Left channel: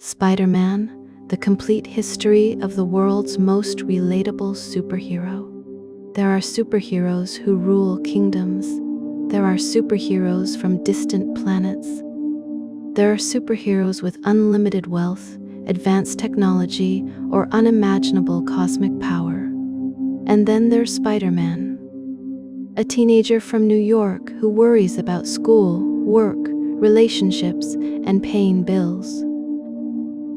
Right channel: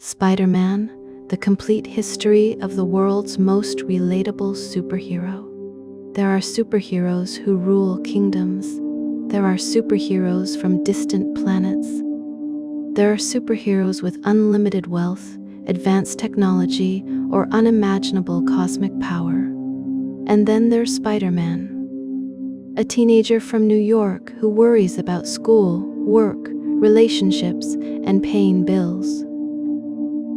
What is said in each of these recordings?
Spider-Man, the complete history of the world's most relatable superhero. There are superheroes who rule kingdoms. There are superheroes from distant planets. There are superheroes with unlimited wealth, advanced technology, or unimaginable cosmic power. And then there's Spider-Man, a teenager from New York who worries about school, work, relationships, and paying bills.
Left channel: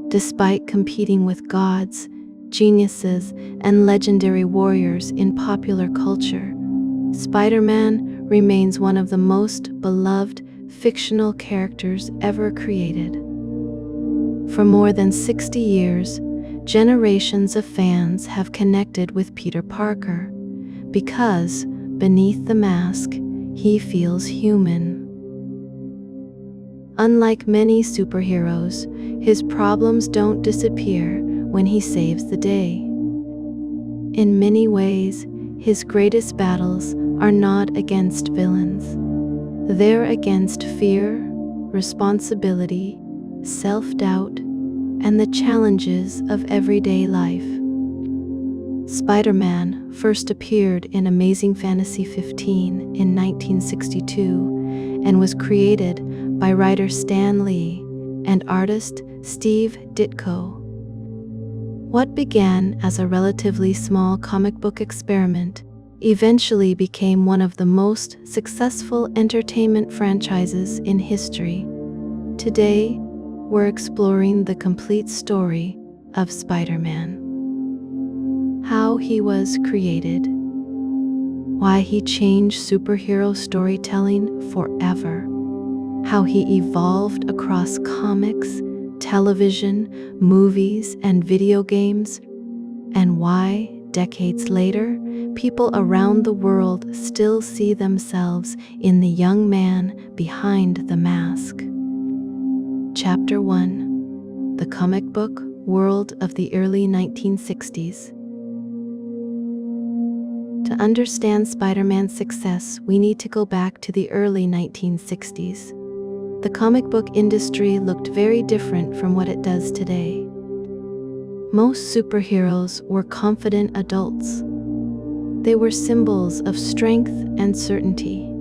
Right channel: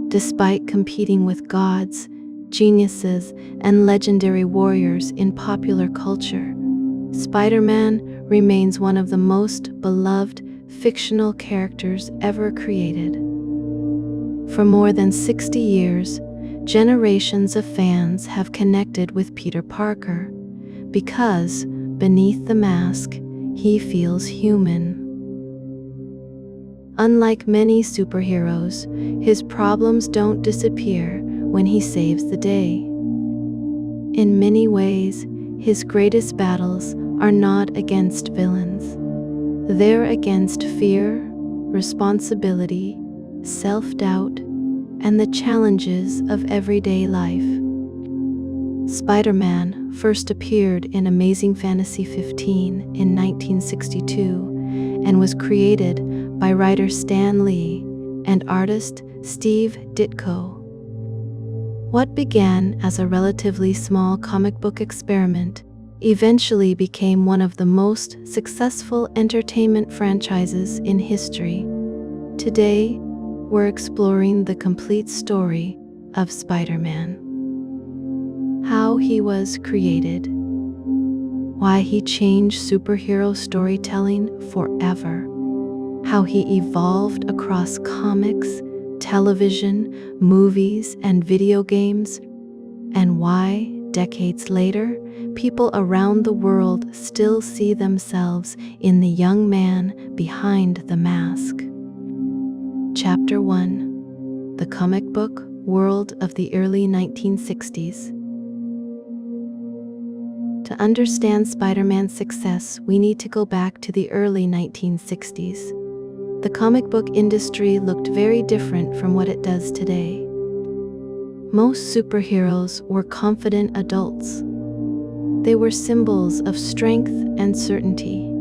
Despite competing with gods, geniuses, and legendary warriors in popular culture, Spider-Man remains one of the most beloved fictional characters ever created. For more than 60 years, generations of fans have connected with Peter Parker because, beneath the mask, he feels human. Unlike many superheroes, his problems don't disappear when he saves the day. In many ways, his greatest battles are not against villains. They're against fear, responsibility, self-doubt, and the challenges of everyday life. Spider-Man first appeared in Amazing Fantasy 15 in 1962 and was created by writer Stan Lee and artist Steve Ditko. What began as a relatively small comic book experiment eventually became one of the most successful entertainment franchises in history. Today, we're exploring the complete story of Spider-Man. How he was created, why he changed superhero storytelling forever, how he evolved across comics, television, movies, and video games, and why, decades later, people around the world still see themselves in the young man behind the mask. Chapter 1: The Comic Book World of the Early 1960s. To understand Spider-Man's success, we need to go back to the early 1960s. The comic book industry looked very different from what it does today. Most superheroes were confident adults. They were symbols of strength and certainty.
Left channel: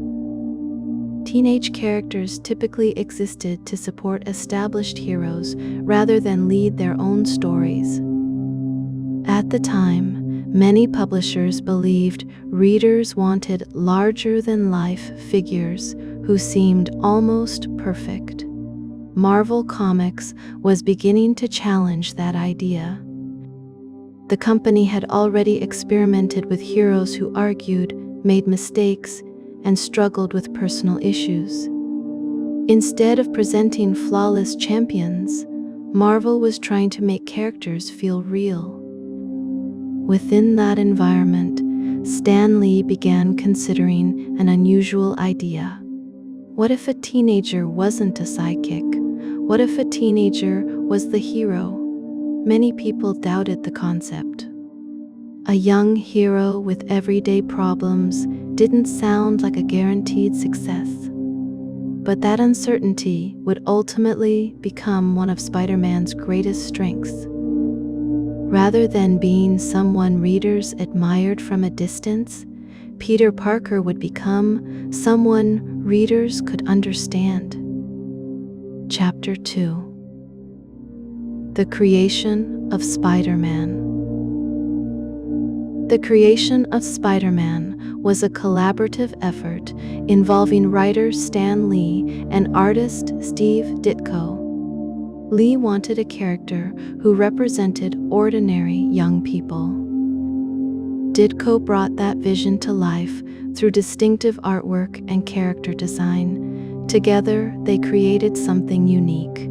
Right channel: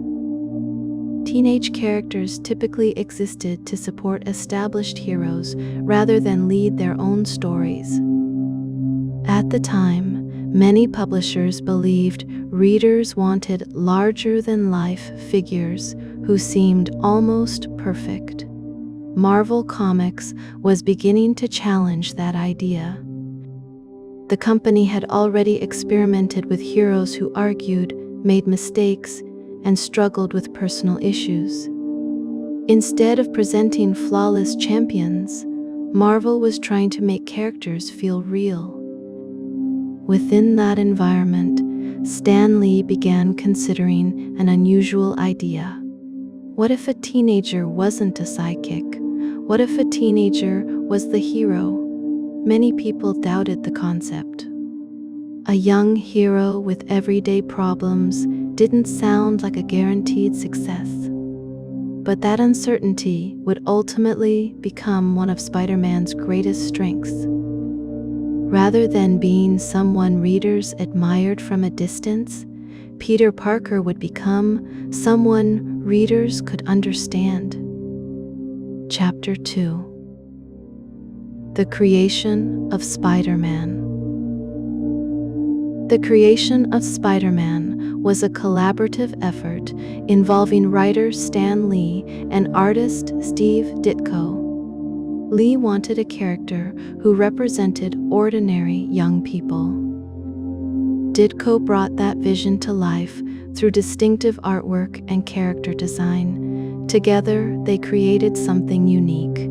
Teenage characters typically existed to support established heroes rather than lead their own stories. At the time, many publishers believed readers wanted larger-than-life figures who seemed almost perfect. Marvel Comics was beginning to challenge that idea. The company had already experimented with heroes who argued, made mistakes, and struggled with personal issues. Instead of presenting flawless champions, Marvel was trying to make characters feel real. Within that environment, Stan Lee began considering an unusual idea. What if a teenager wasn't a sidekick? What if a teenager was the hero? Many people doubted the concept. A young hero with everyday problems didn't sound like a guaranteed success. But that uncertainty would ultimately become one of Spider-Man's greatest strengths. Rather than being someone readers admired from a distance, Peter Parker would become someone readers could understand. Chapter 2: The Creation of Spider-Man. The creation of Spider-Man was a collaborative effort involving writer Stan Lee and artist Steve Ditko. Lee wanted a character who represented ordinary young people. Ditko brought that vision to life through distinctive artwork and character design. Together, they created something unique.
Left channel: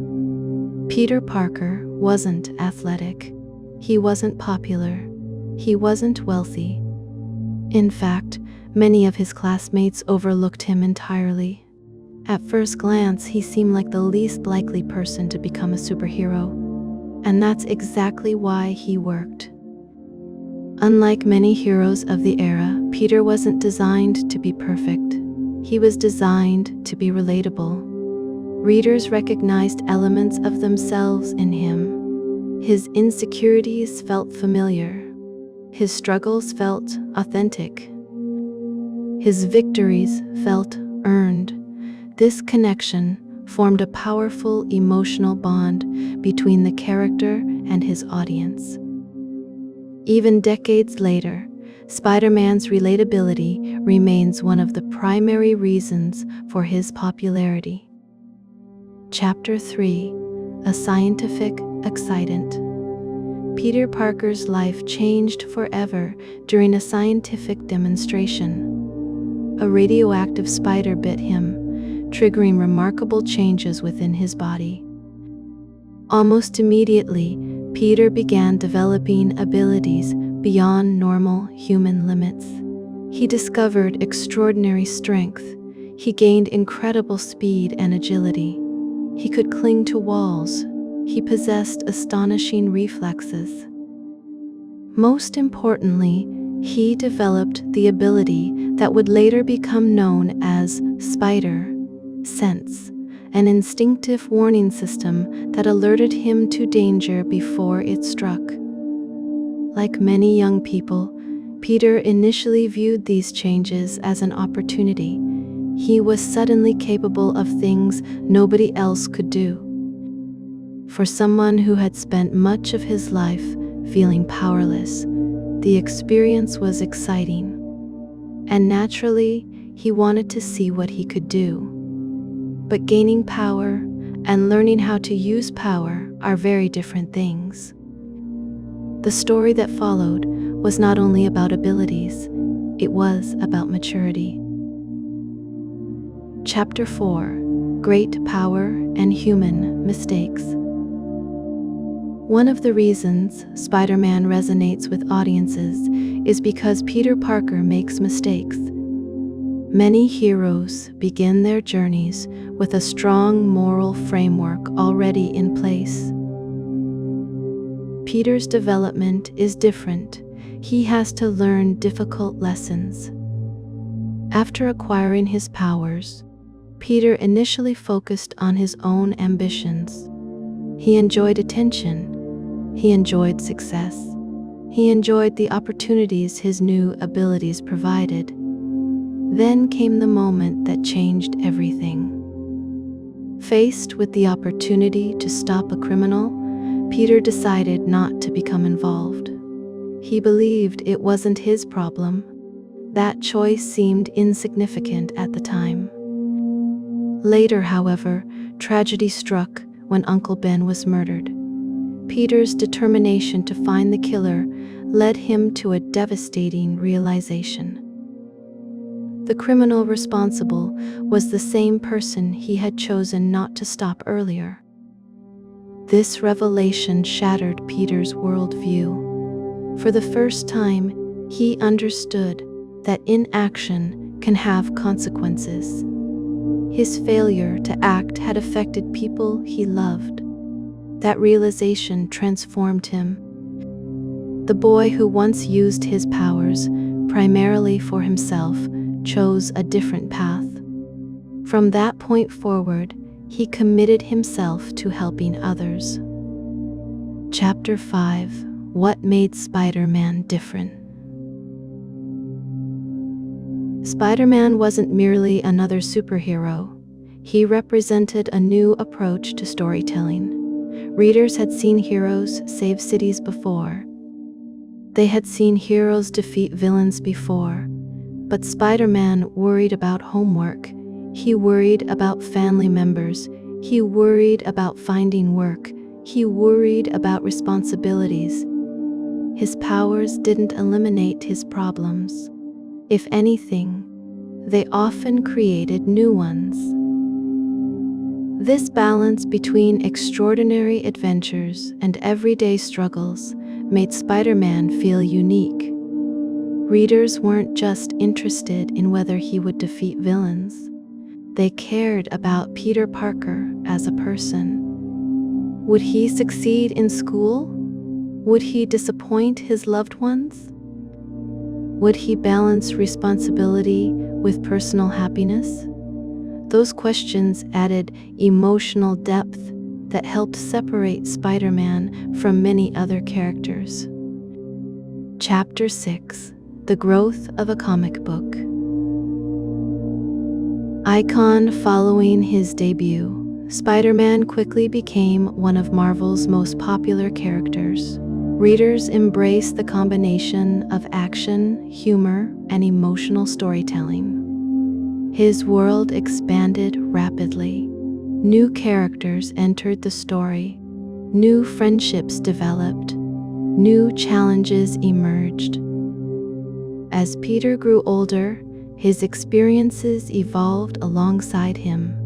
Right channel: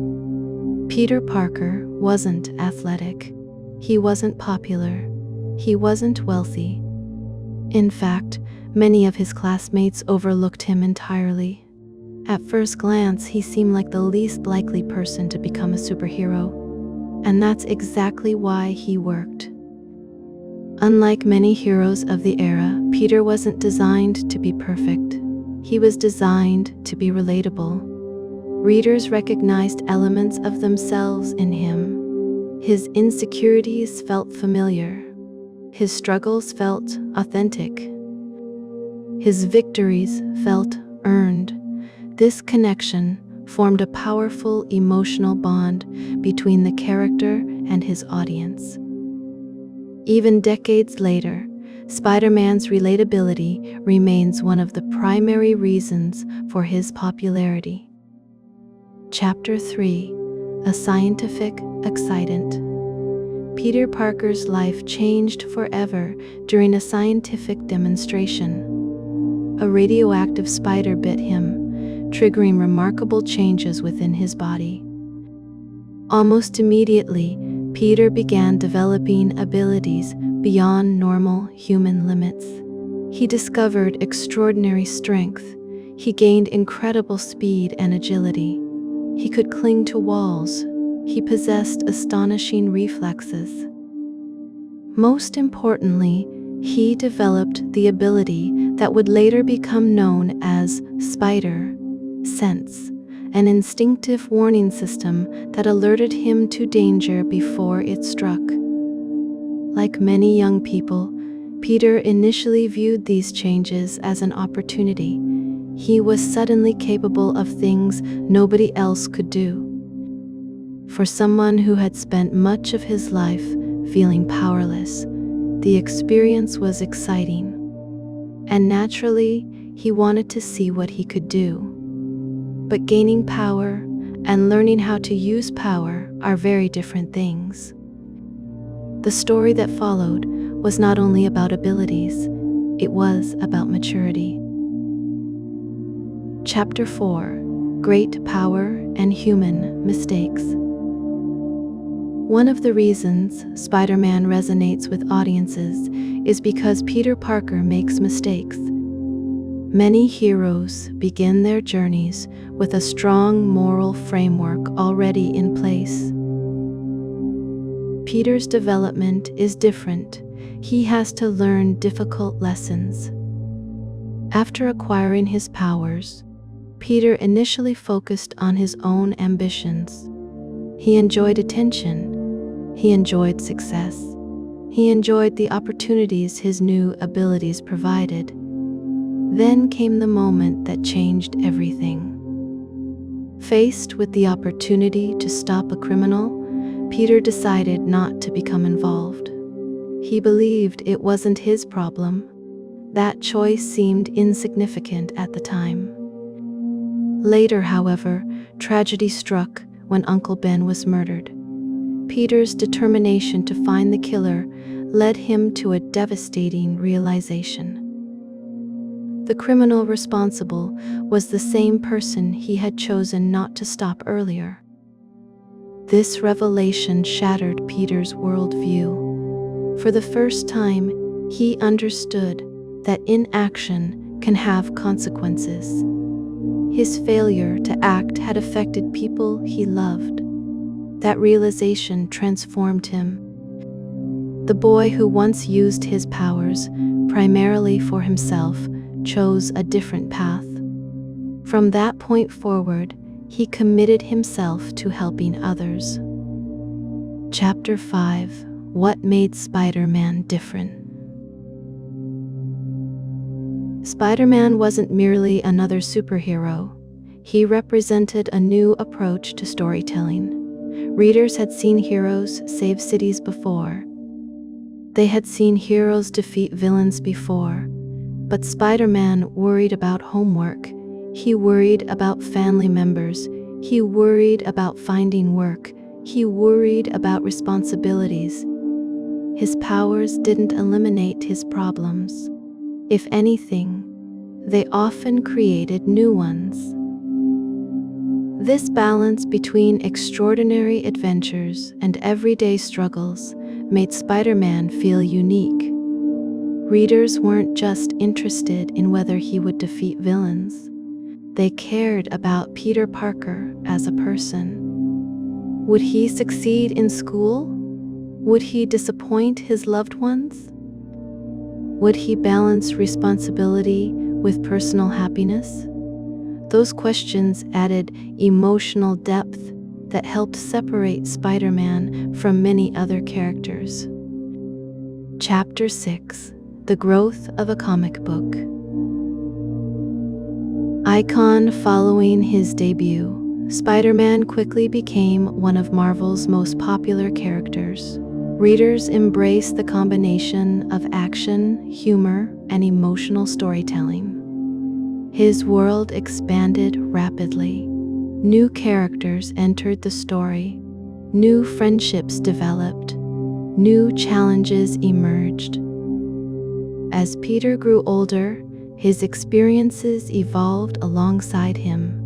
Peter Parker wasn't athletic. He wasn't popular. He wasn't wealthy. In fact, many of his classmates overlooked him entirely. At first glance, he seemed like the least likely person to become a superhero, and that's exactly why he worked. Unlike many heroes of the era, Peter wasn't designed to be perfect. He was designed to be relatable. Readers recognized elements of themselves in him. His insecurities felt familiar. His struggles felt authentic. His victories felt earned. This connection formed a powerful emotional bond between the character and his audience. Even decades later, Spider-Man's relatability remains one of the primary reasons for his popularity. Chapter 3: A Scientific Accident. Peter Parker's life changed forever during a scientific demonstration. A radioactive spider bit him, triggering remarkable changes within his body. Almost immediately, Peter began developing abilities beyond normal human limits. He discovered extraordinary strength. He gained incredible speed and agility. He could cling to walls. He possessed astonishing reflexes. Most importantly, he developed the ability that would later become known as Spider Sense, an instinctive warning system that alerted him to danger before it struck. Like many young people, Peter initially viewed these changes as an opportunity. He was suddenly capable of things nobody else could do. For someone who had spent much of his life feeling powerless, the experience was exciting. And naturally, he wanted to see what he could do. But gaining power and learning how to use power are very different things. The story that followed was not only about abilities, it was about maturity. Chapter 4: Great Power and Human Mistakes. One of the reasons Spider-Man resonates with audiences is because Peter Parker makes mistakes. Many heroes begin their journeys with a strong moral framework already in place. Peter's development is different. He has to learn difficult lessons. After acquiring his powers, Peter initially focused on his own ambitions. He enjoyed attention. He enjoyed success. He enjoyed the opportunities his new abilities provided. Then came the moment that changed everything. Faced with the opportunity to stop a criminal, Peter decided not to become involved. He believed it wasn't his problem. That choice seemed insignificant at the time. Later, however, tragedy struck when Uncle Ben was murdered. Peter's determination to find the killer led him to a devastating realization. The criminal responsible was the same person he had chosen not to stop earlier. This revelation shattered Peter's worldview. For the first time, he understood that inaction can have consequences. His failure to act had affected people he loved. That realization transformed him. The boy who once used his powers primarily for himself chose a different path. From that point forward, he committed himself to helping others. Chapter 5: What made Spider-Man different? Spider-Man wasn't merely another superhero. He represented a new approach to storytelling. Readers had seen heroes save cities before. They had seen heroes defeat villains before. But Spider-Man worried about homework. He worried about family members. He worried about finding work. He worried about responsibilities. His powers didn't eliminate his problems. If anything, they often created new ones. This balance between extraordinary adventures and everyday struggles made Spider-Man feel unique. Readers weren't just interested in whether he would defeat villains. They cared about Peter Parker as a person. Would he succeed in school? Would he disappoint his loved ones? Would he balance responsibility with personal happiness? Those questions added emotional depth that helped separate Spider-Man from many other characters. Chapter 6: The Growth of a Comic Book. Icon. Following his debut, Spider-Man quickly became one of Marvel's most popular characters. Readers embraced the combination of action, humor, and emotional storytelling. His world expanded rapidly. New characters entered the story. New friendships developed. New challenges emerged. As Peter grew older, his experiences evolved alongside him.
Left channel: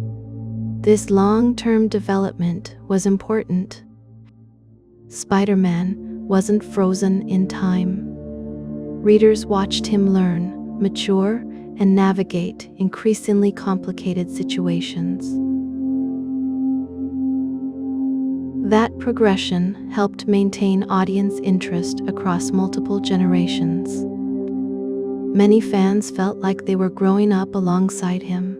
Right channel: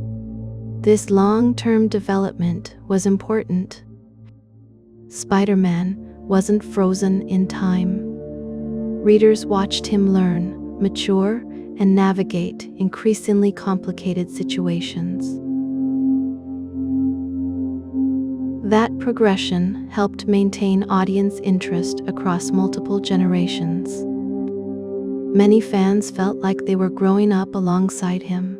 This long-term development was important. Spider-Man wasn't frozen in time. Readers watched him learn, mature, and navigate increasingly complicated situations. That progression helped maintain audience interest across multiple generations. Many fans felt like they were growing up alongside him.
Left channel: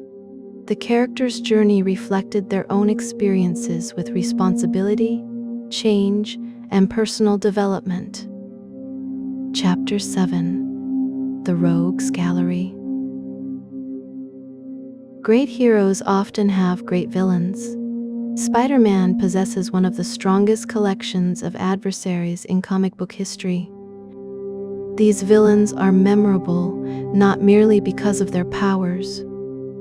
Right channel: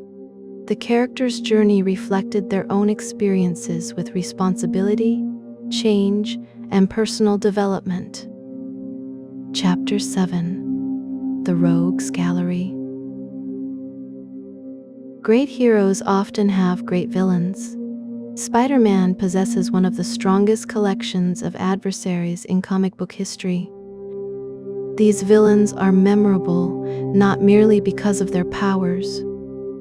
The character's journey reflected their own experiences with responsibility, change, and personal development. Chapter 7: The Rogues Gallery. Great heroes often have great villains. Spider-Man possesses one of the strongest collections of adversaries in comic book history. These villains are memorable not merely because of their powers.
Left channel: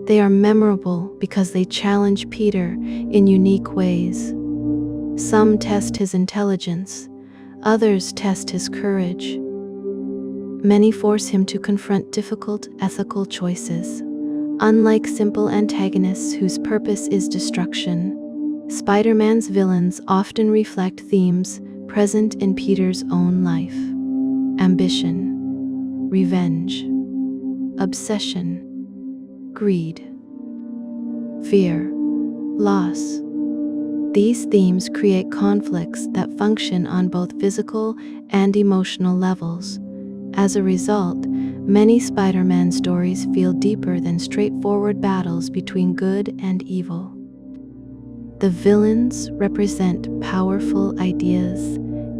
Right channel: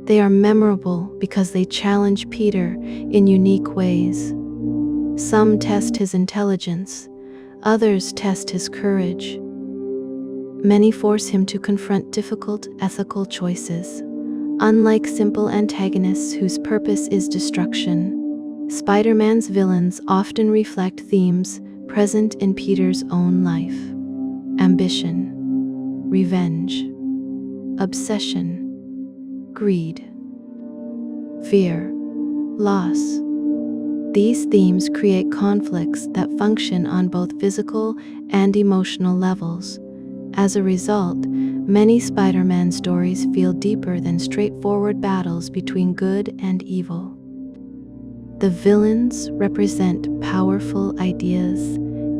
They are memorable because they challenge Peter in unique ways. Some test his intelligence, others test his courage. Many force him to confront difficult ethical choices. Unlike simple antagonists whose purpose is destruction, Spider-Man's villains often reflect themes present in Peter's own life: ambition, revenge, obsession, greed, fear, loss. These themes create conflicts that function on both physical and emotional levels. As a result, many Spider-Man stories feel deeper than straightforward battles between good and evil. The villains represent powerful ideas,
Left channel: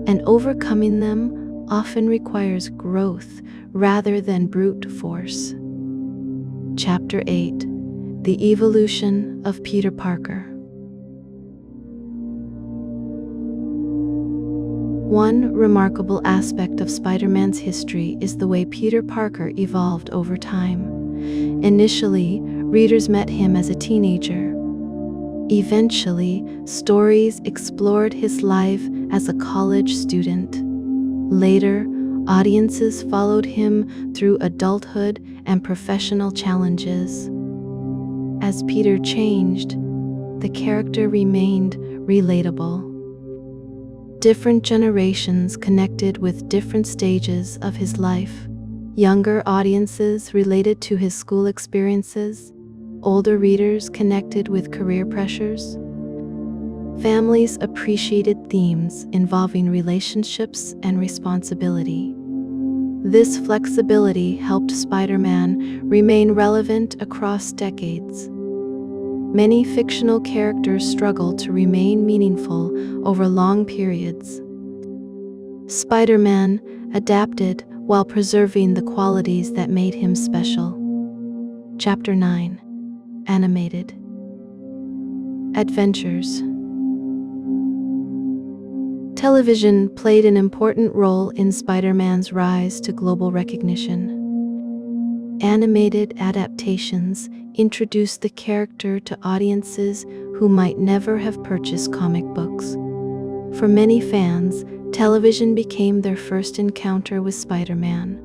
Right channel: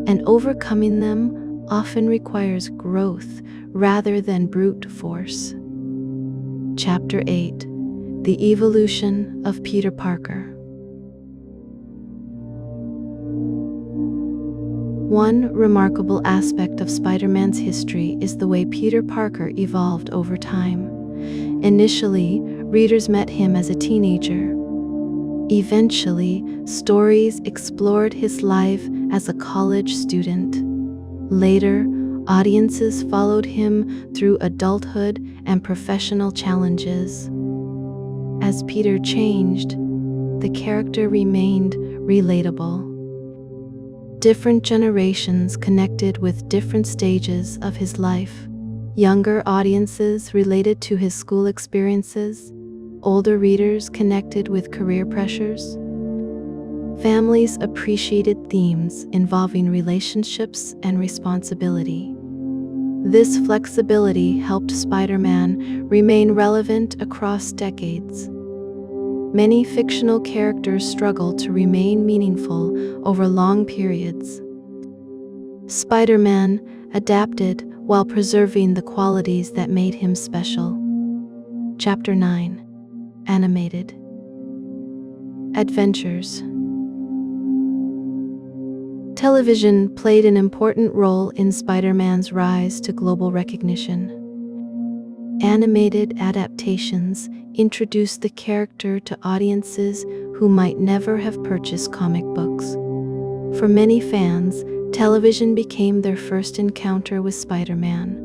and overcoming them often requires growth rather than brute force. Chapter 8: The Evolution of Peter Parker. One remarkable aspect of Spider-Man's history is the way Peter Parker evolved over time. Initially, readers met him as a teenager. Eventually, stories explored his life as a college student. Later, audiences followed him through adulthood and professional challenges. As Peter changed, the character remained relatable. Different generations connected with different stages of his life. Younger audiences related to his school experiences. Older readers connected with career pressures. Families appreciated themes involving relationships and responsibility. This flexibility helped Spider-Man remain relevant across decades. Many fictional characters struggle to remain meaningful over long periods. Spider-Man adapted while preserving the qualities that made him special. Chapter 9: Animated Adventures. Television played an important role in Spider-Man's rise to global recognition. Animated adaptations introduced the character to audiences who might never have purchased comic books. For many fans, television became their first encounter with Spider-Man.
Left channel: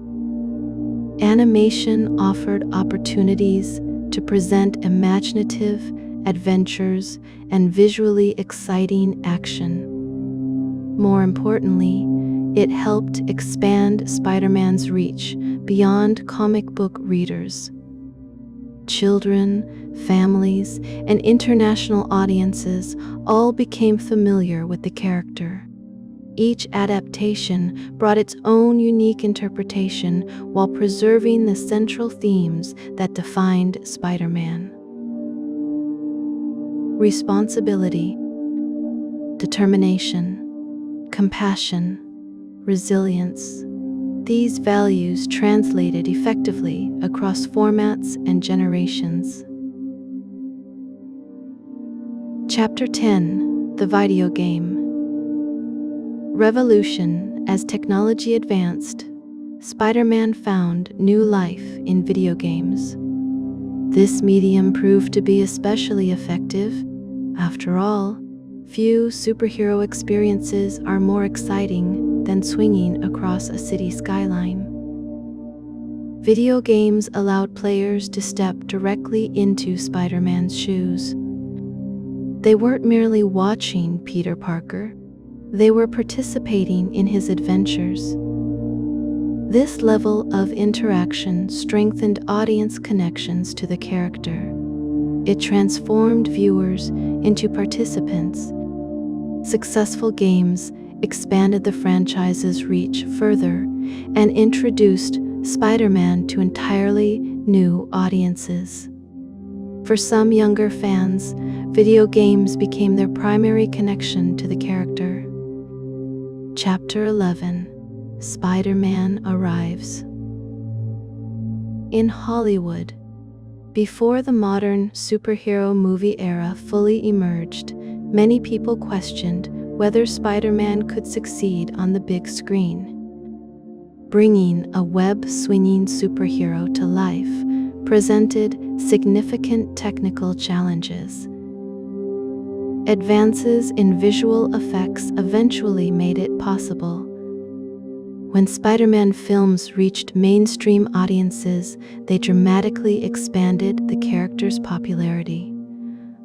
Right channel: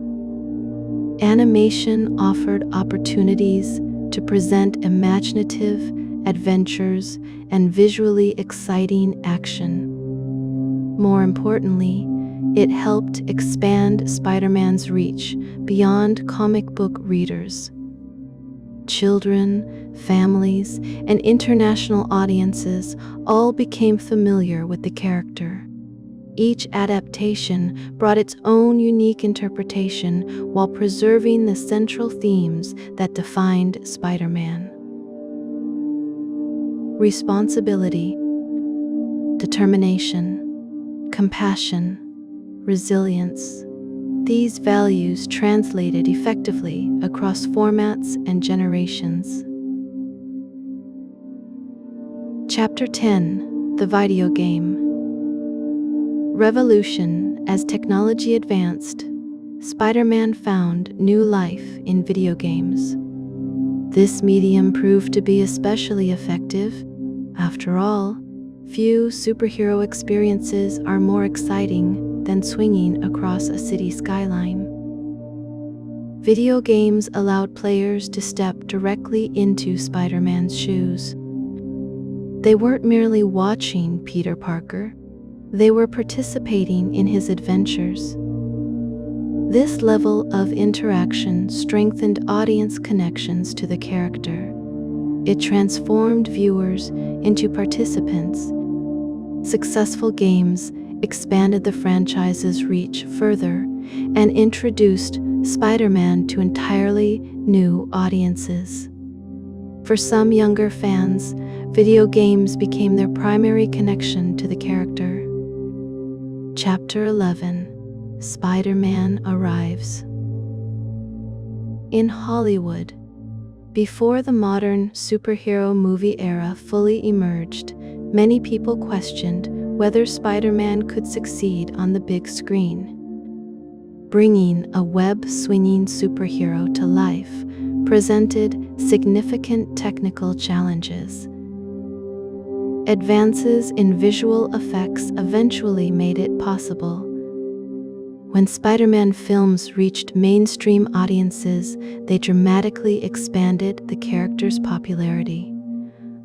Animation offered opportunities to present imaginative adventures and visually exciting action. More importantly, it helped expand Spider-Man's reach beyond comic book readers. Children, families, and international audiences all became familiar with the character. Each adaptation brought its own unique interpretation while preserving the central themes that defined Spider-Man. responsibility, determination, compassion, resilience. These values translated effectively across formats and generations. Chapter 10: The Video Game. Revolution. As technology advanced, Spider-Man found new life in video games. This medium proved to be especially effective. After all, few superhero experiences are more exciting than swinging across a city skyline. Video games allowed players to step directly into Spider-Man's shoes. They weren't merely watching Peter Parker, they were participating in his adventures. This level of interaction strengthened audience connections to the character. It transformed viewers into participants. Successful games expanded the franchise's reach further and introduced Spider-Man to entirely new audiences. For some younger fans, video games became their primary connection to the character. Chapter 11: Spider-Man Arrives. In Hollywood, before the modern superhero movie era fully emerged, many people questioned whether Spider-Man could succeed on the big screen. Bringing a web-swinging superhero to life presented significant technical challenges. Advances in visual effects eventually made it possible. When Spider-Man films reached mainstream audiences, they dramatically expanded the character's popularity.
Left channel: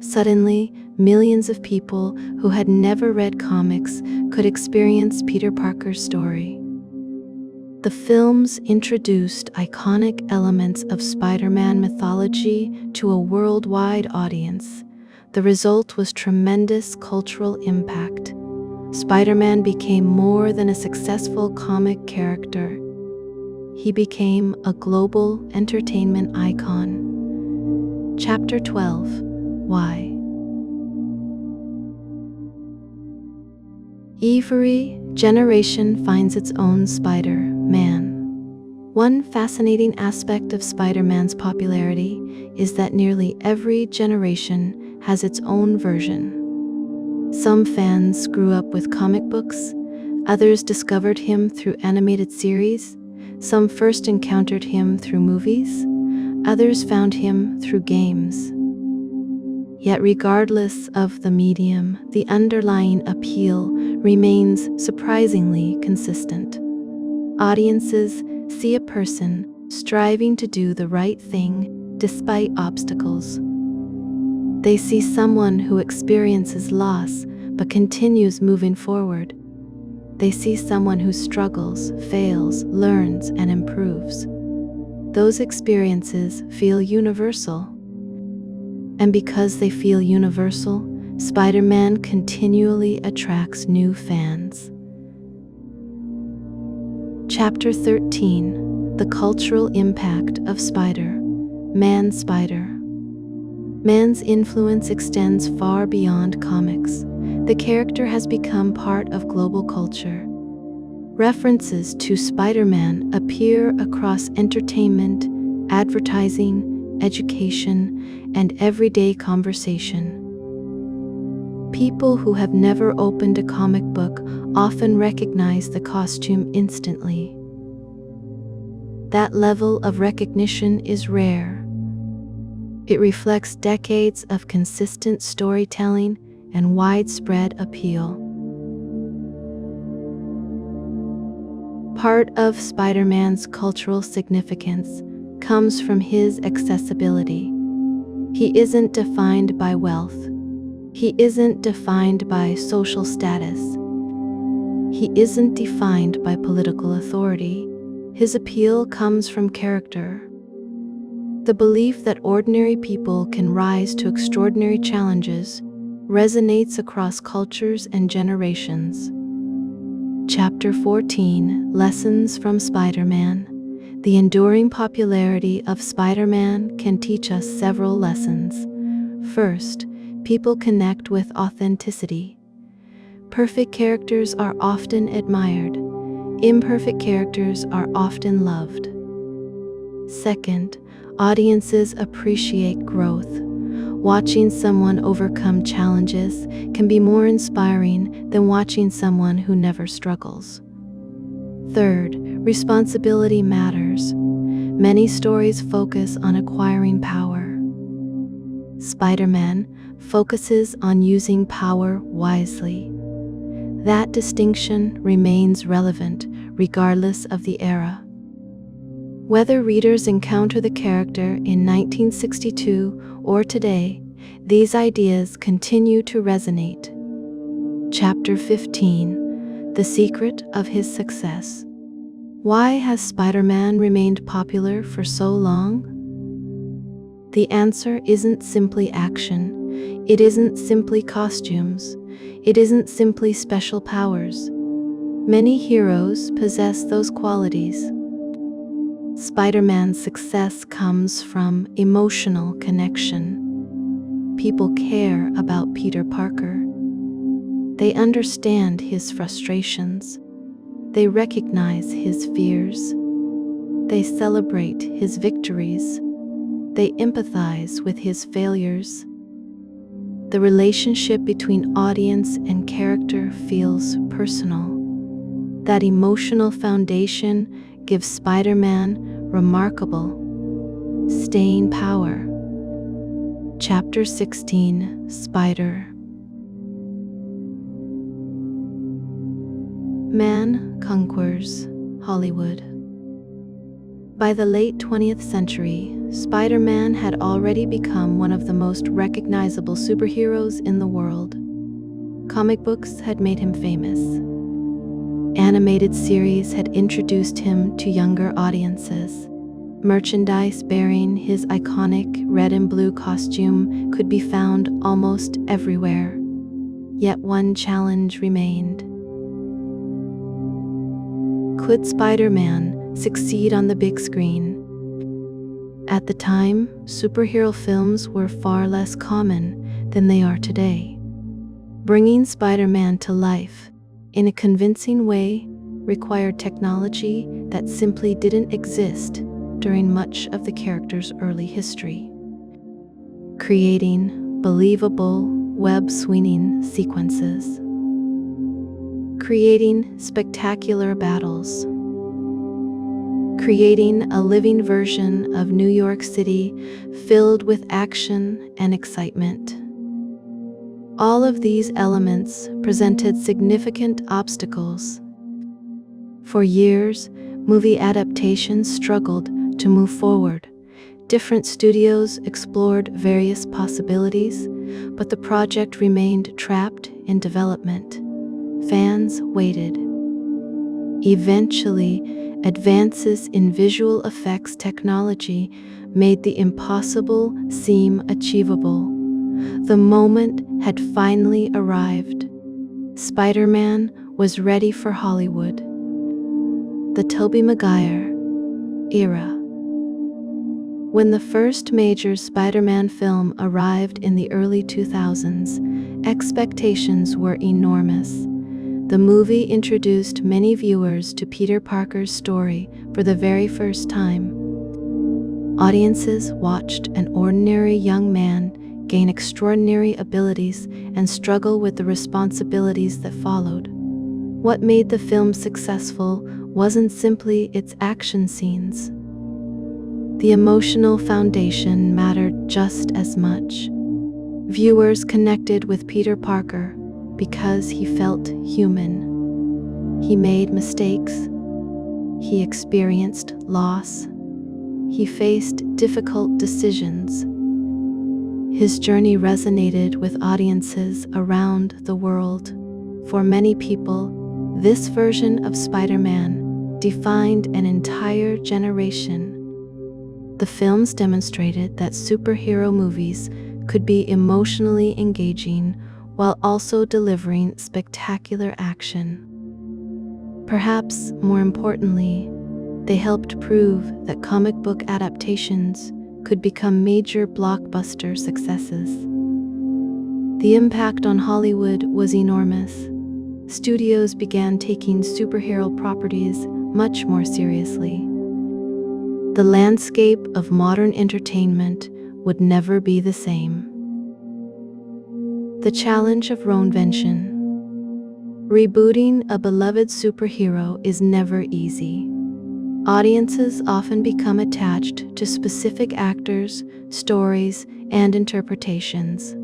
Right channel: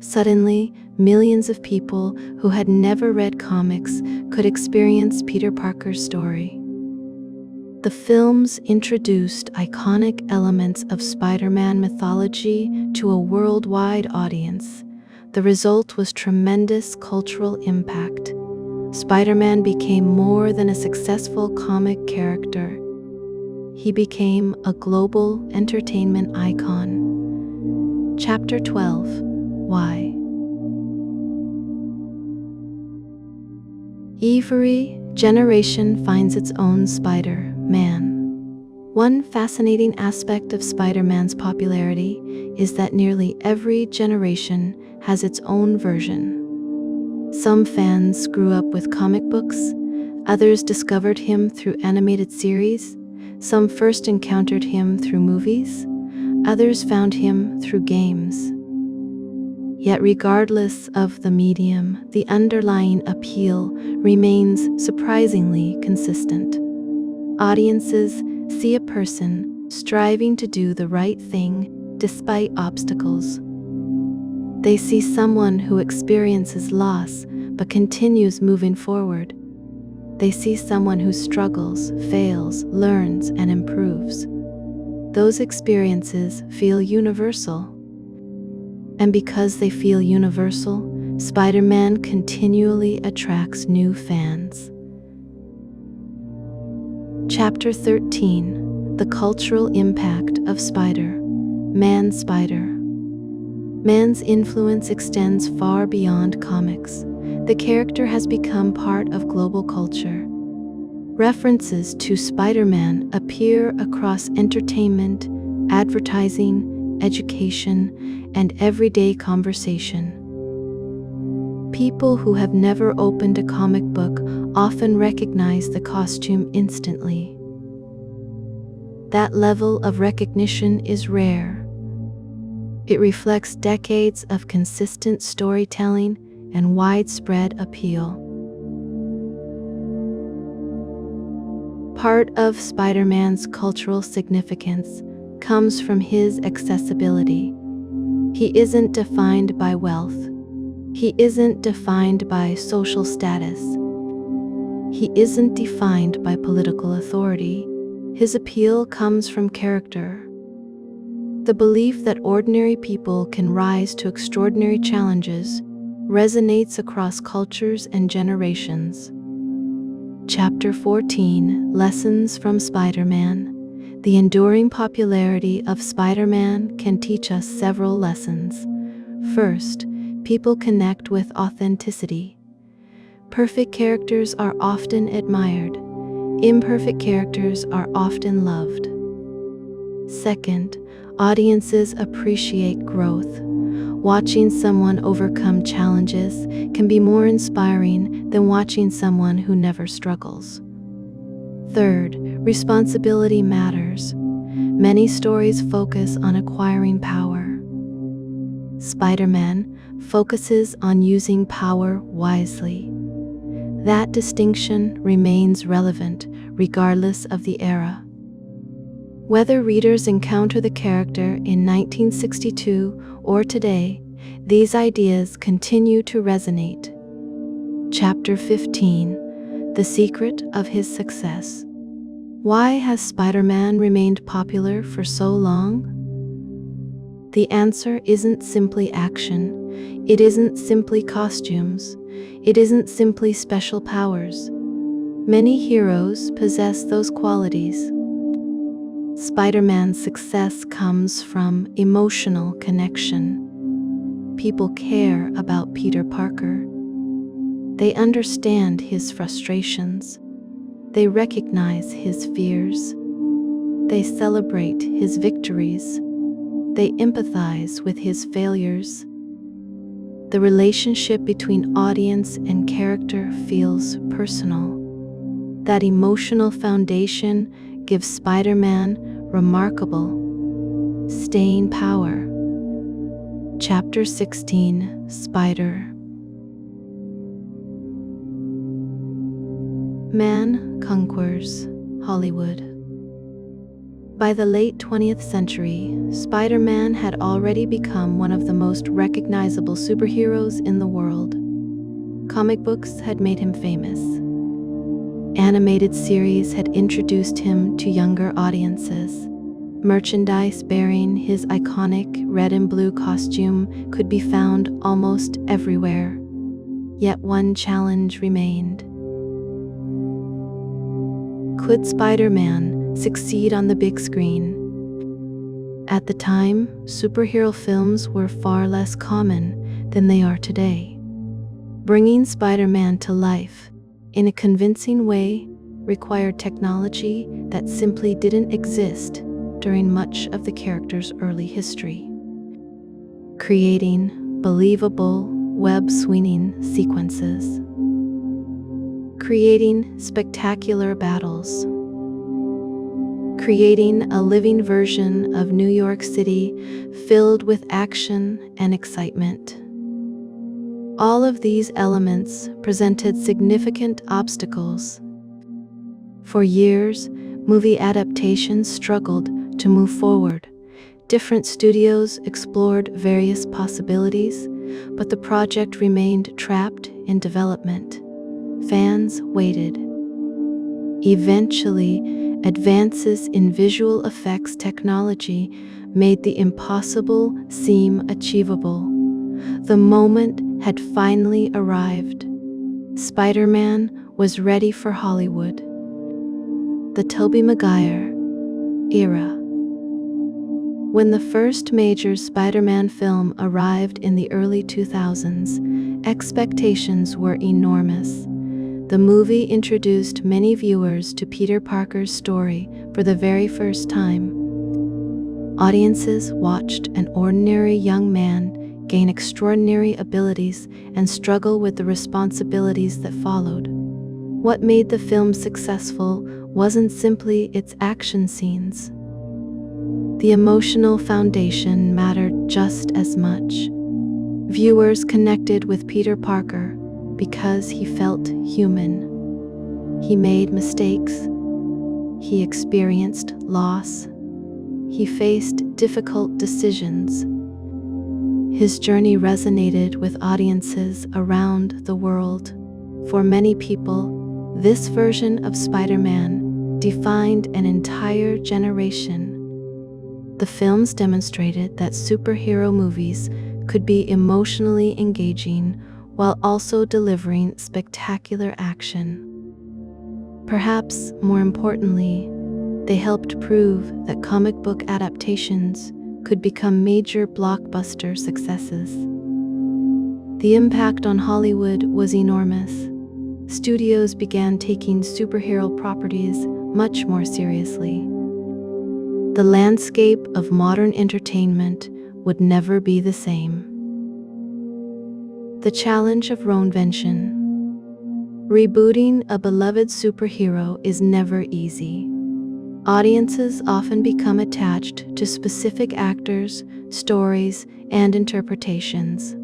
Suddenly, millions of people who had never read comics could experience Peter Parker's story. The films introduced iconic elements of Spider-Man mythology to a worldwide audience. The result was tremendous cultural impact. Spider-Man became more than a successful comic character. He became a global entertainment icon. Chapter 12: Why? Every generation finds its own Spider-Man. One fascinating aspect of Spider-Man's popularity is that nearly every generation has its own version. Some fans grew up with comic books, others discovered him through animated series, some first encountered him through movies, others found him through games. Yet regardless of the medium, the underlying appeal remains surprisingly consistent. Audiences see a person striving to do the right thing despite obstacles. They see someone who experiences loss but continues moving forward. They see someone who struggles, fails, learns, and improves. Those experiences feel universal. And because they feel universal, Spider-Man continually attracts new fans. Chapter 13: The Cultural Impact of Spider-Man. Man's influence extends far beyond comics. The character has become part of global culture. References to Spider-Man appear across entertainment, advertising, education, and everyday conversation. People who have never opened a comic book often recognize the costume instantly. That level of recognition is rare. It reflects decades of consistent storytelling and widespread appeal. Part of Spider-Man's cultural significance comes from his accessibility. He isn't defined by wealth. He isn't defined by social status. He isn't defined by political authority. His appeal comes from character. The belief that ordinary people can rise to extraordinary challenges resonates across cultures and generations. Chapter 14: Lessons from Spider-Man. The enduring popularity of Spider-Man can teach us several lessons. First, People connect with authenticity. Perfect characters are often admired. Imperfect characters are often loved. Second, audiences appreciate growth. Watching someone overcome challenges can be more inspiring than watching someone who never struggles. Third, responsibility matters. Many stories focus on acquiring power. Spider-Man focuses on using power wisely. That distinction remains relevant regardless of the era. Whether readers encounter the character in 1962 or today, these ideas continue to resonate. Chapter 15: The Secret of His Success. Why has Spider-Man remained popular for so long? The answer isn't simply action. It isn't simply costumes. It isn't simply special powers. Many heroes possess those qualities. Spider-Man's success comes from emotional connection. People care about Peter Parker. They understand his frustrations. They recognize his fears. They celebrate his victories. They empathize with his failures. The relationship between audience and character feels personal. That emotional foundation gives Spider-Man remarkable staying power. Chapter 16: Spider. Man conquers Hollywood. By the late 20th century, Spider-Man had already become one of the most recognizable superheroes in the world. Comic books had made him famous. Animated series had introduced him to younger audiences. Merchandise bearing his iconic red and blue costume could be found almost everywhere. Yet one challenge remained. Could Spider-Man succeed on the big screen? At the time, superhero films were far less common than they are today. Bringing Spider-Man to life in a convincing way required technology that simply didn't exist during much of the character's early history. Creating believable, web-swinging sequences. Creating spectacular battles. Creating a living version of New York City filled with action and excitement. All of these elements presented significant obstacles. For years, movie adaptations struggled to move forward. Different studios explored various possibilities, but the project remained trapped in development. Fans waited. Eventually, advances in visual effects technology made the impossible seem achievable. The moment had finally arrived. Spider-Man was ready for Hollywood. The Tobey Maguire era. When the first major Spider-Man film arrived in the early 2000s, expectations were enormous. The movie introduced many viewers to Peter Parker's story for the very first time. Audiences watched an ordinary young man gain extraordinary abilities and struggle with the responsibilities that followed. What made the film successful wasn't simply its action scenes. The emotional foundation mattered just as much. Viewers connected with Peter Parker because he felt human. He made mistakes. He experienced loss. He faced difficult decisions. His journey resonated with audiences around the world. For many people, this version of Spider-Man defined an entire generation. The films demonstrated that superhero movies could be emotionally engaging while also delivering spectacular action. Perhaps more importantly, they helped prove that comic book adaptations could become major blockbuster successes. The impact on Hollywood was enormous. Studios began taking superhero properties much more seriously. The landscape of modern entertainment would never be the same. The challenge of reinvention. Rebooting a beloved superhero is never easy. Audiences often become attached to specific actors, stories, and interpretations.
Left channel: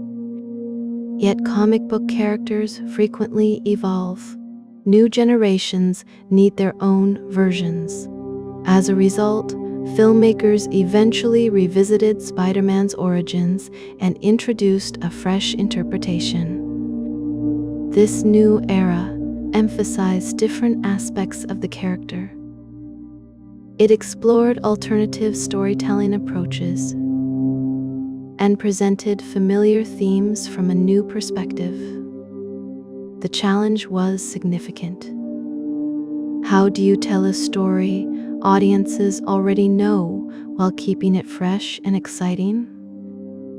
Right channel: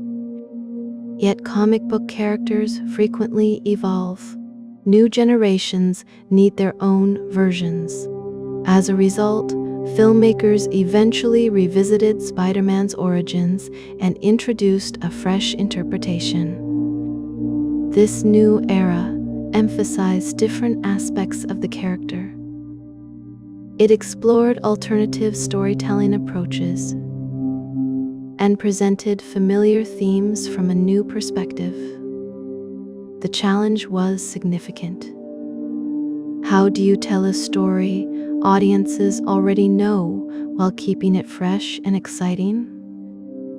Yet comic book characters frequently evolve. New generations need their own versions. As a result, filmmakers eventually revisited Spider-Man's origins and introduced a fresh interpretation. This new era emphasized different aspects of the character. It explored alternative storytelling approaches and presented familiar themes from a new perspective. The challenge was significant. How do you tell a story audiences already know while keeping it fresh and exciting?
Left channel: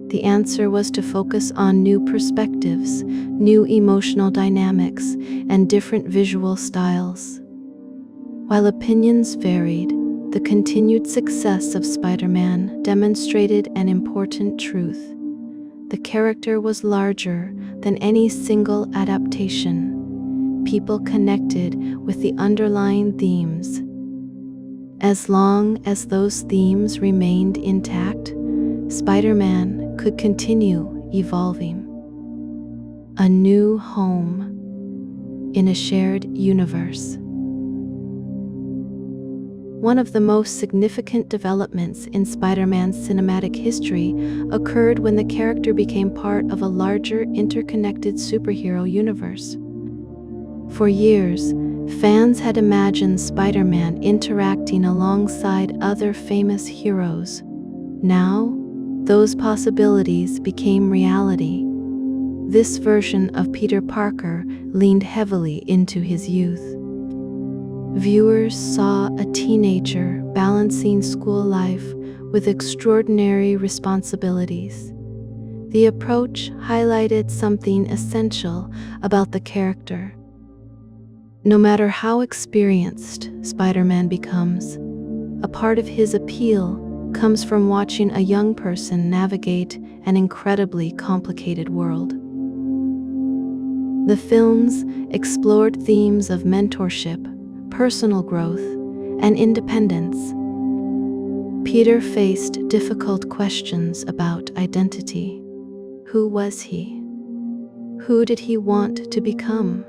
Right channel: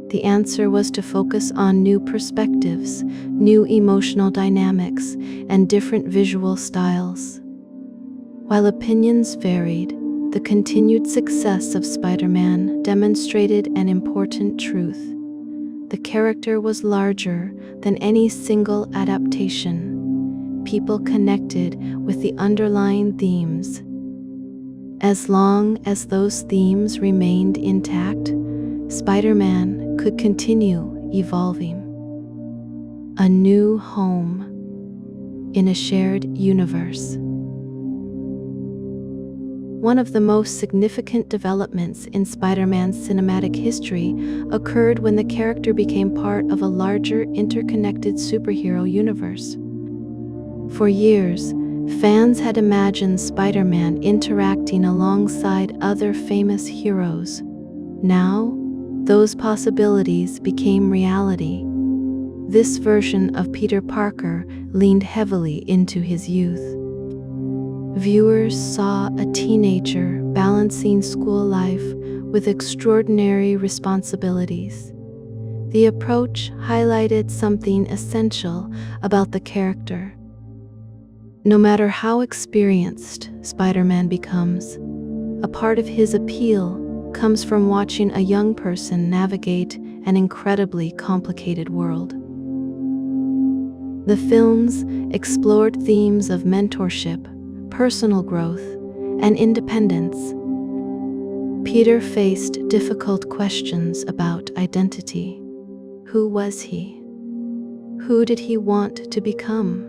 The answer was to focus on new perspectives, new emotional dynamics, and different visual styles. While opinions varied, the continued success of Spider-Man demonstrated an important truth. The character was larger than any single adaptation. People connected with the underlying themes. As long as those themes remained intact, Spider-Man could continue evolving. A new home in a shared universe. One of the most significant developments in Spider-Man's cinematic history occurred when the character became part of a larger, interconnected superhero universe. For years, fans had imagined Spider-Man interacting alongside other famous heroes. Now, those possibilities became reality. This version of Peter Parker leaned heavily into his youth. Viewers saw a teenager balancing school life with extraordinary responsibilities. The approach highlighted something essential about the character. No matter how experienced Spider-Man becomes, a part of his appeal comes from watching a young person navigate an incredibly complicated world. The films explored themes of mentorship, personal growth, and independence. Peter faced difficult questions about identity. Who was he? Who did he want to become?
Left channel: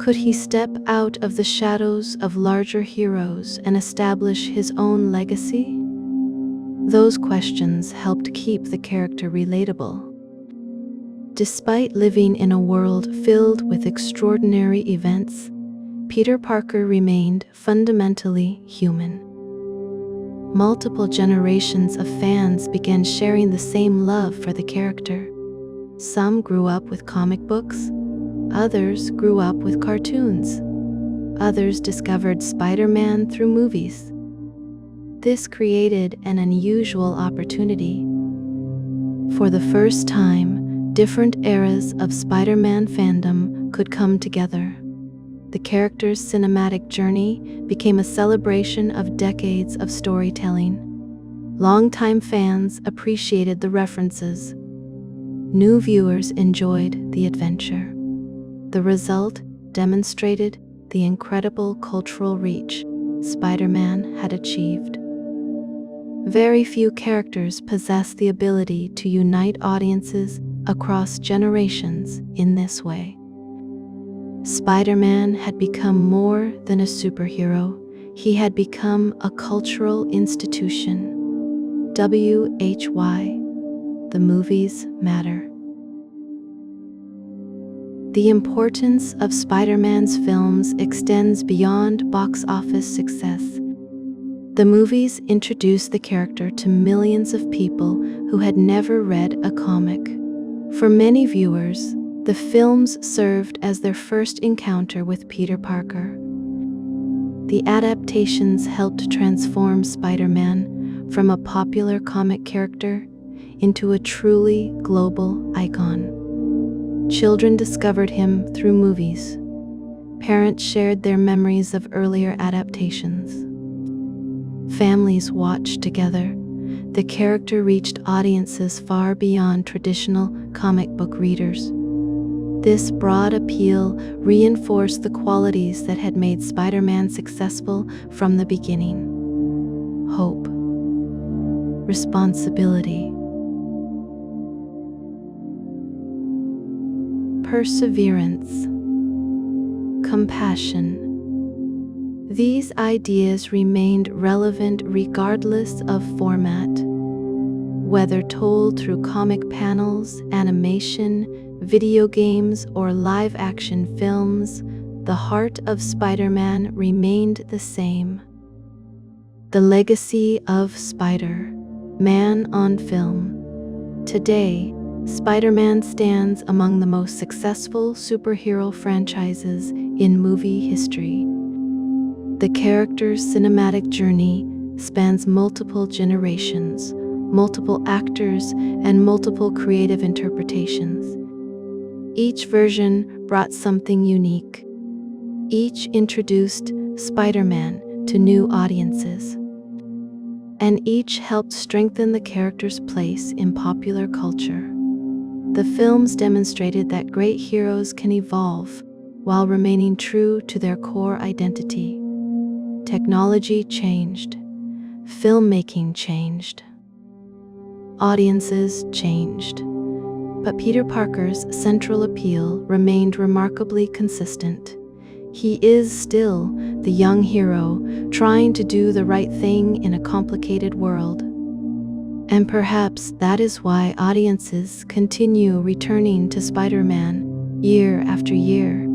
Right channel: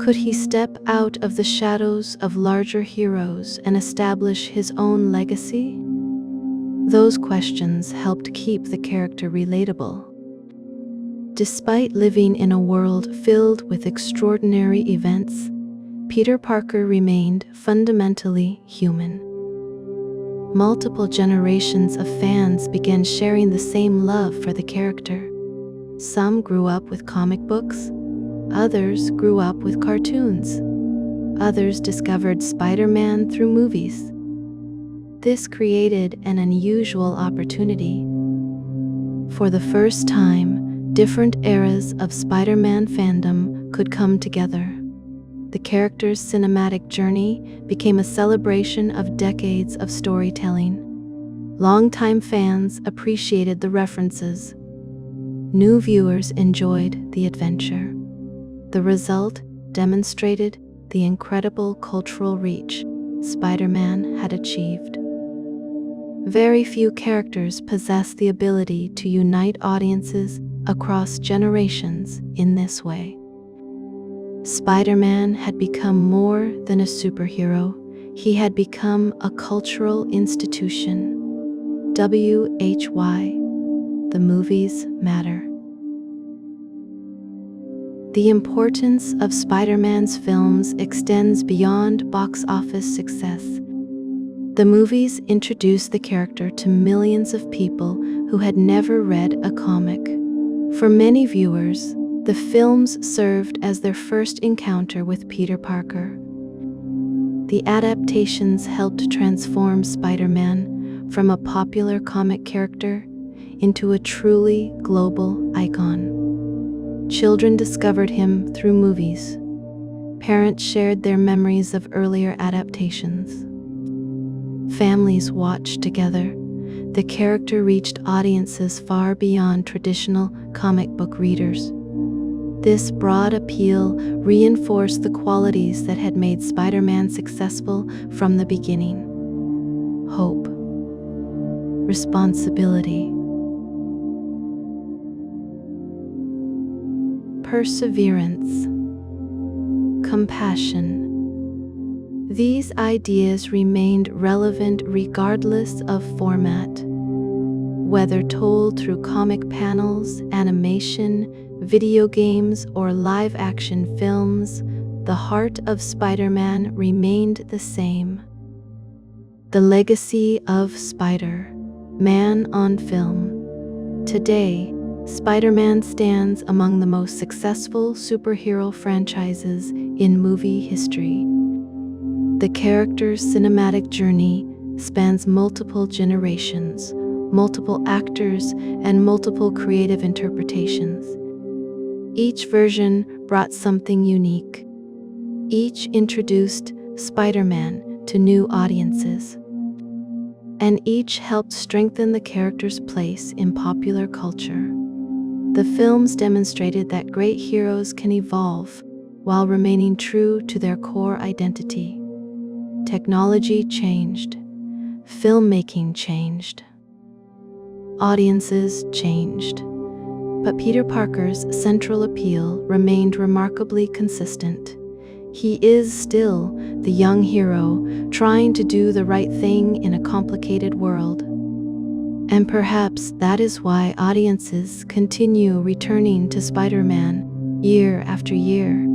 Could he step out of the shadows of larger heroes and establish his own legacy? Those questions helped keep the character relatable. Despite living in a world filled with extraordinary events, Peter Parker remained fundamentally human. Multiple generations of fans began sharing the same love for the character. Some grew up with comic books, others grew up with cartoons, others discovered Spider-Man through movies. This created an unusual opportunity. For the first time, different eras of Spider-Man fandom could come together. The character's cinematic journey became a celebration of decades of storytelling. Longtime fans appreciated the references. New viewers enjoyed the adventure. The result demonstrated the incredible cultural reach Spider-Man had achieved. Very few characters possess the ability to unite audiences across generations in this way. Spider-Man had become more than a superhero. He had become a cultural institution. WHY? The movies matter. The importance of Spider-Man's films extends beyond box office success. The movies introduced the character to millions of people who had never read a comic. For many viewers, the films served as their first encounter with Peter Parker. The adaptations helped transform Spider-Man from a popular comic character into a truly global icon. Children discovered him through movies. Parents shared their memories of earlier adaptations. Families watched together. The character reached audiences far beyond traditional comic book readers. This broad appeal reinforced the qualities that had made Spider-Man successful from the beginning: hope, responsibility, perseverance, compassion. These ideas remained relevant regardless of format. Whether told through comic panels, animation, video games, or live-action films, the heart of Spider-Man remained the same. The legacy of Spider-Man on film. Today, Spider-Man stands among the most successful superhero franchises in movie history. The character's cinematic journey spans multiple generations, multiple actors, and multiple creative interpretations. Each version brought something unique. Each introduced Spider-Man to new audiences, and each helped strengthen the character's place in popular culture. The films demonstrated that great heroes can evolve while remaining true to their core identity. Technology changed. Filmmaking changed. Audiences changed. But Peter Parker's central appeal remained remarkably consistent. He is still the young hero trying to do the right thing in a complicated world. And perhaps that is why audiences continue returning to Spider-Man year after year.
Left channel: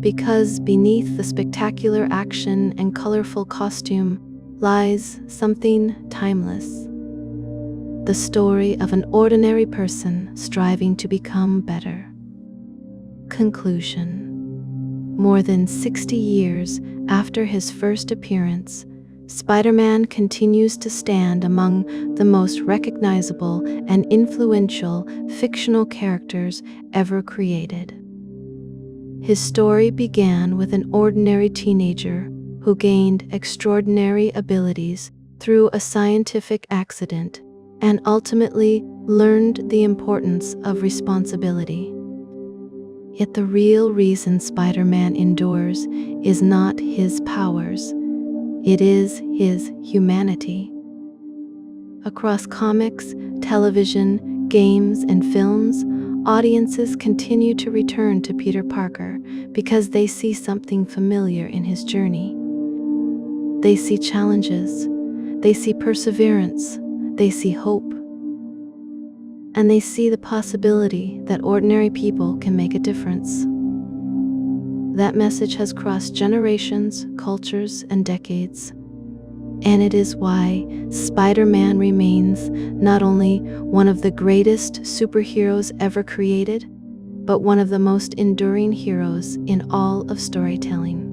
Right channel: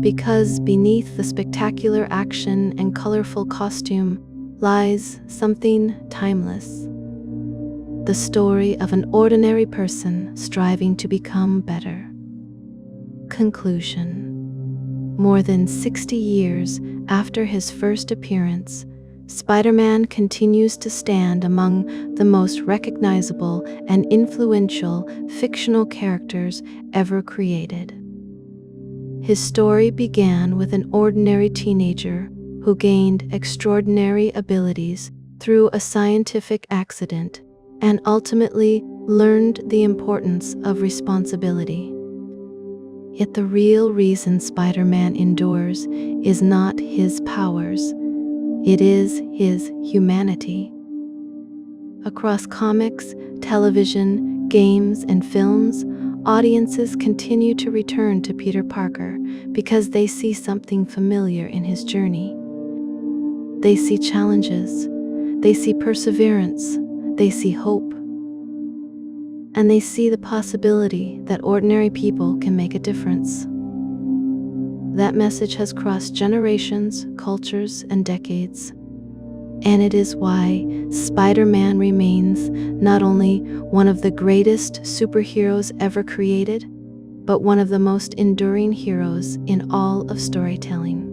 Because beneath the spectacular action and colorful costume lies something timeless. The story of an ordinary person striving to become better. Conclusion. More than 60 years after his first appearance, Spider-Man continues to stand among the most recognizable and influential fictional characters ever created. His story began with an ordinary teenager who gained extraordinary abilities through a scientific accident and ultimately learned the importance of responsibility. Yet the real reason Spider-Man endures is not his powers, it is his humanity. Across comics, television, games, and films, audiences continue to return to Peter Parker because they see something familiar in his journey. They see challenges, they see perseverance, they see hope, and they see the possibility that ordinary people can make a difference. That message has crossed generations, cultures, and decades. And it is why Spider-Man remains not only one of the greatest superheroes ever created, but one of the most enduring heroes in all of storytelling.